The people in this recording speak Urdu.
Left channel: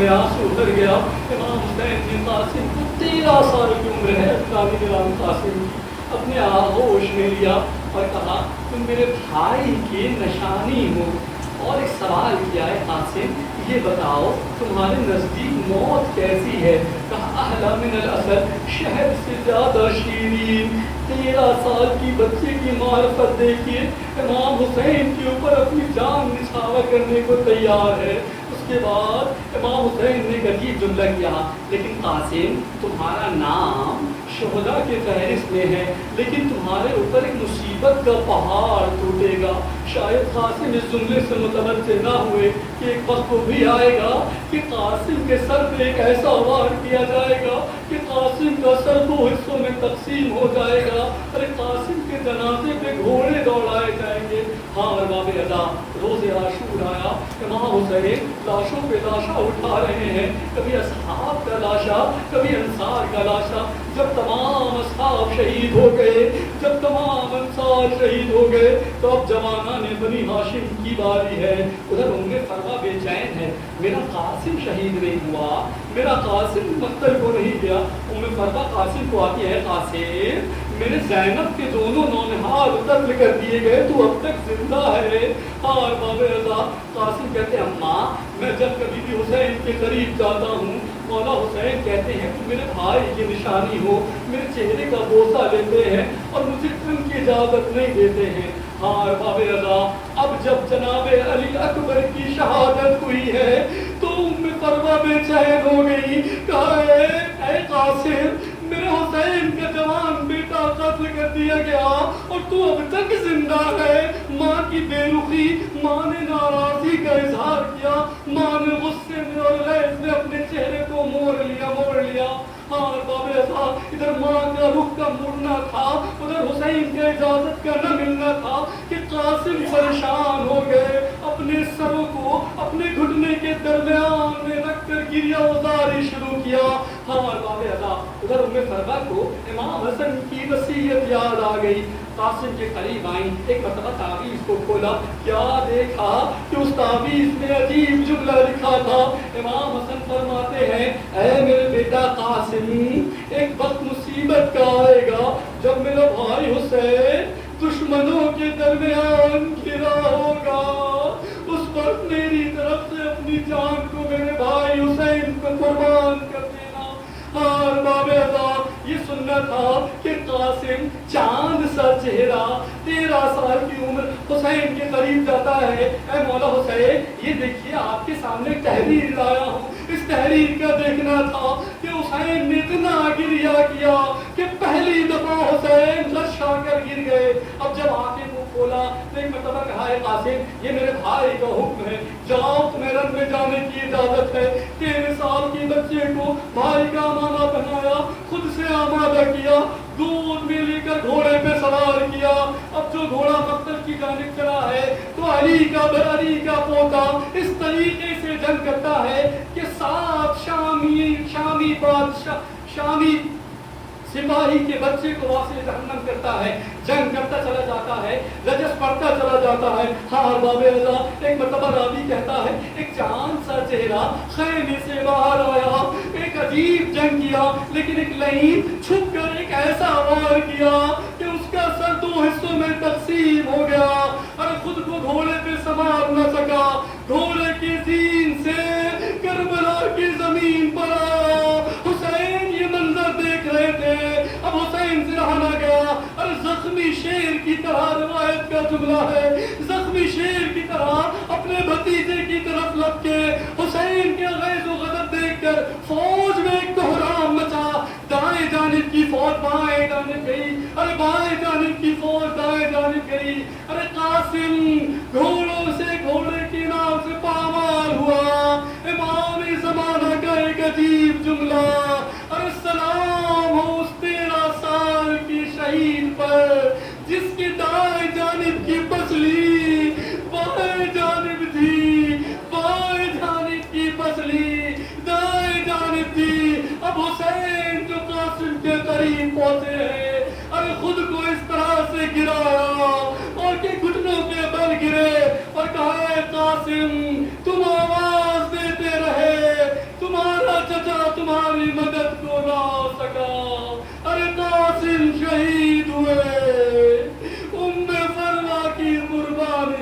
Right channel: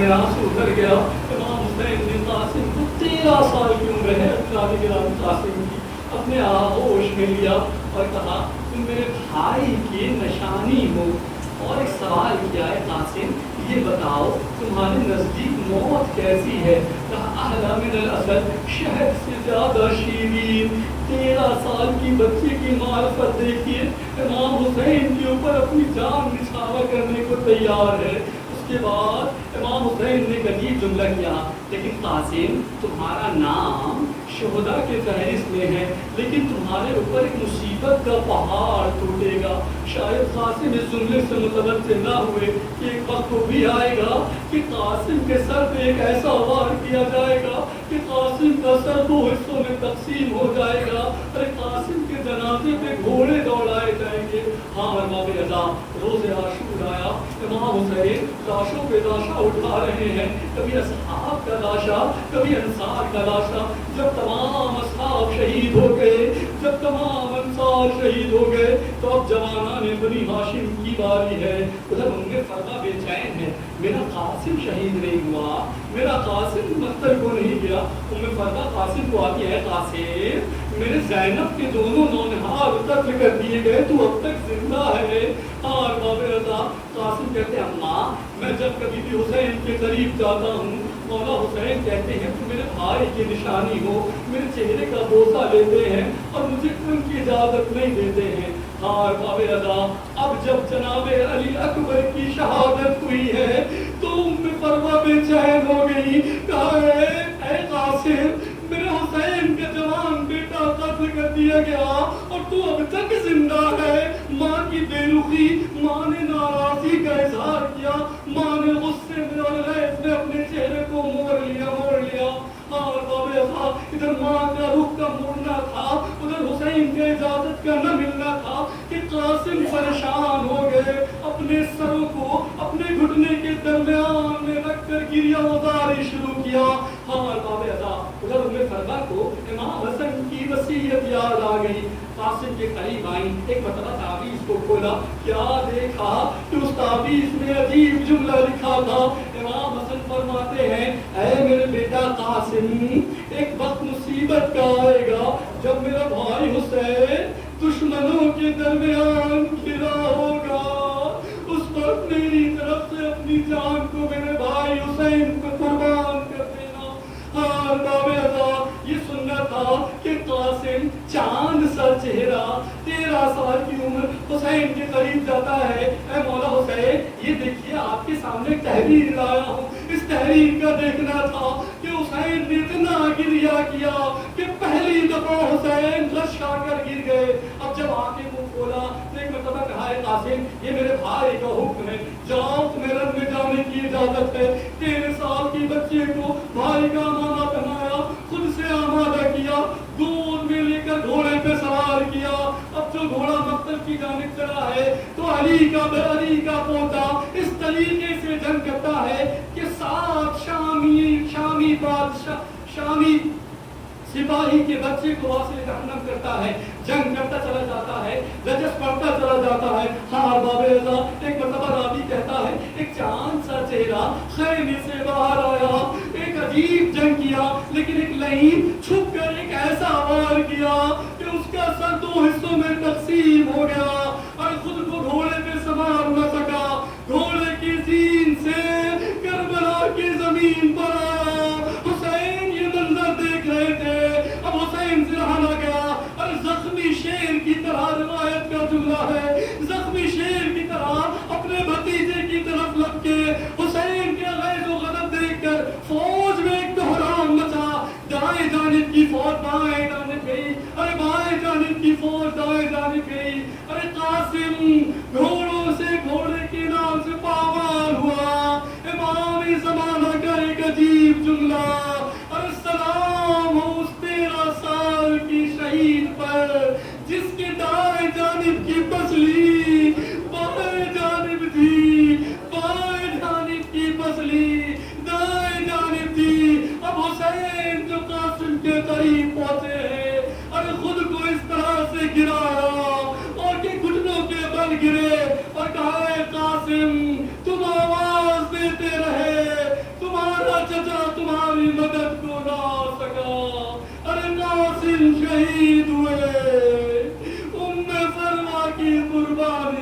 میں آنسو اتر گیا. امام حسین بن قاسم کو 13 سال کی عمر ہے. نبی امام قاسم کی اپنے آغوش میں لیا اور کہا تم میرے بھائی کی نشانی ہو. اور ایک سوال کیا ہے قاسم یہ بتاؤ تمہارے نزدیک موت کیسی ہے؟ کہا احلی من الاسد، شہد سے زیادہ شیرین. 13 سال کی بچے کی معرفت دیکھیے، امام حسین کے اوپر اپنی جان نچھاور کرنے کو تیار ہے. اس کے بعد امام حسین نے ایک عجیب جملہ کیا، لیکن قاسم تمہارا نام شہداء کے فہرست میں ہے، لیکن تمہارے اوپر ایک مصیبت کا پہاڑ ٹوٹے گا. شاید قاسم اس جملے سے متوجہ نہ ہوئے کہ ایک وقت وہ بھی آئے گا کہ قاسم کے سر پہ ایک ایسا وار کیا جائے گا کہ قاسم کا سر 2 حصوں میں تقسیم ہو جائے گا اور قاسم کے جنازے پہ گھوڑے دوڑائے جائیں گے. ہاں باب ادا روز عاشور آیا، امام حسین لاشوں پہ لاشا اٹھا رہے ہیں، کبھی اصحاب کا لاشا کبھی انصار کا لاشا. جب تمام اصحاب شہید ہو گئے، جب تمام انصار شہید ہو گئے، تو اب جوانان بنی ہاشم کی باری ہے. ادھر ام فروا بے چین ہے، میرا قاسم شہید نہیں ہوا، میرا قاسم مقتل کو نہیں گیا. ام فروا قاسم کو آتی ہے، قاسم میرے زینب کے دونوں نونہار قتل کر دیے گئے، تو اب تک زندہ ہے. اور باب رضا قاسم کہتے ہیں اماں میں جب کبھی بھی حسین کے قریب جاتا ہوں، مولا حسین کہتے ہیں کہ میرے بھائی کی نشانی ہو، میرے چہرے کا بوسہ لیتے ہیں اور مجھے ان کی اجازت نہیں دیتے ہیں. اور باب رضا اب جب جناب علی اکبر کی شہادت ہوئی ہے تو ام فروا بے چین ہو گئی. کہا اے قاسم میرے حسین کا جوان بیٹا قتل کر دیا گیا اور تو اب تک زندہ ہے. ماں کی بے رخی، ماں نے ناراضی کا اظہار کیا، ماں نے غصے میں اور غیظ میں اپنے چہرے کو موڑ لیا. اور باب رضا ادھر ماں کا رخ کا مڑنا تھا، ادھر حسین کے اجازت کا نہ ملنا تھا کہ قاسم پریشان ہو گئے، اپنے سروں کو اپنے گھٹنے کے درمیان میں رکھ کر گریہ وزاری شروع کیا. اور باب رضا ادھر ام فروا کو امام حسن کی وصیت یاد آ گئی. قاسم کے قریب آئیں، ایک مرتبہ تعویذ کو کھولا، کیا دیکھا کہ اس تعویذ میں عجیب جملہ لکھا تھا. امام حسن فرماتے ہیں اے میرے بیٹا قاسم ایک وقت مصیبت کا آئے گا جب میرا بھائی حسین دشمنوں کے درمیان گھرا ہوگا، اس وقت میری طرف سے اپنی جان کو میرے بھائی حسین کو قربان کر دینا. اور باب رضا یہ سننا تھا کہ قاسم چاند سا چہرہ 13 سال کی عمر حسین کے قریب جاتا ہے. اے مولا حسین یہ دیکھیے آپ کے سامنے تحریر لایا ہوں، اس تحریر کا دیکھنا تھا کہ حسین نے اتنا گریہ کیا کہ پہلی دفعہ حسین لرزا کر گر گئے. اب جب آنکھیں منہ کھولا ایک مرتبہ کہا ہے قاسم یہ میرے بھائی کا حکم ہے، جاؤ تمہیں رن میں جانے کی اجازت ہے. 13 سال کی بچے کو بھائی کا امامہ پہنایا، خود سے آمادہ کیا، دودھ بھی لے کر گھوڑے پہ سوار کیا. اب جو گھوڑا مقتل کی جانب چلا ہے تو علی کا پوتا اس طریقے سے جنگ کرتا ہے کہ 7 شامی سپاہی کے بچے کو وہاں سے جہنم کرتا ہے، جنگ کرتا چلا جاتا ہے، رجس پڑتا چلا جاتا ہے. ہاں باب رضا ایک مرتبہ راوی کہتا ہے ایک چاند سا چہرہ خیمے سے باہر آیا، ایک عجیب جنگ کیا، لیکن ایک لعین چھپ کر ایک ایسا وار کیا کہ اس کا سر 2 حصوں میں تقسیم ہو گیا اور خود کو گھوڑے پہ سنبھال نہ سکا، گھوڑے کی زین سے کربلا کی زمین پر آیا. حسین یہ منظر دیکھ رہے تھے، اب حسین سے رہا نہ گیا اور زخمی شیر کی طرح روایت کا جملہ ہے، زخمی شیر کی طرح اپنے بھتیجے کی طرف لپ کے حسین کے غیظ و غضب دیکھ کر فوج میں ایک بحران مچا. دائیں جانب کی فوج بائیں جانب گئی، ارے بائیں جانب کی فوج دائیں جانب گئی. ارے قاسم گھوڑوں سے گھوڑے کے نام سے پامال ہوا. امام زمانہ کا ایک عجیب جملہ، ارے سلام ہو اس 13 سال کی شہید پر جس کے دائیں جانب کی پسلی بائیں جانب تھی، بائیں جانب کی پسلی دائیں جانب تھی. اب حسین جو قاسم کے قریب پہنچے ہیں، ارے خود کو اس طرح سے گرایا اور کہ گھٹنوں کے بل گرے اور کہا اے قاسم تم آواز دیتے رہے تمہاری مدد کو نہ آ سکا. ارے ناصر شہید ہوئے. ام فروا کی قربانی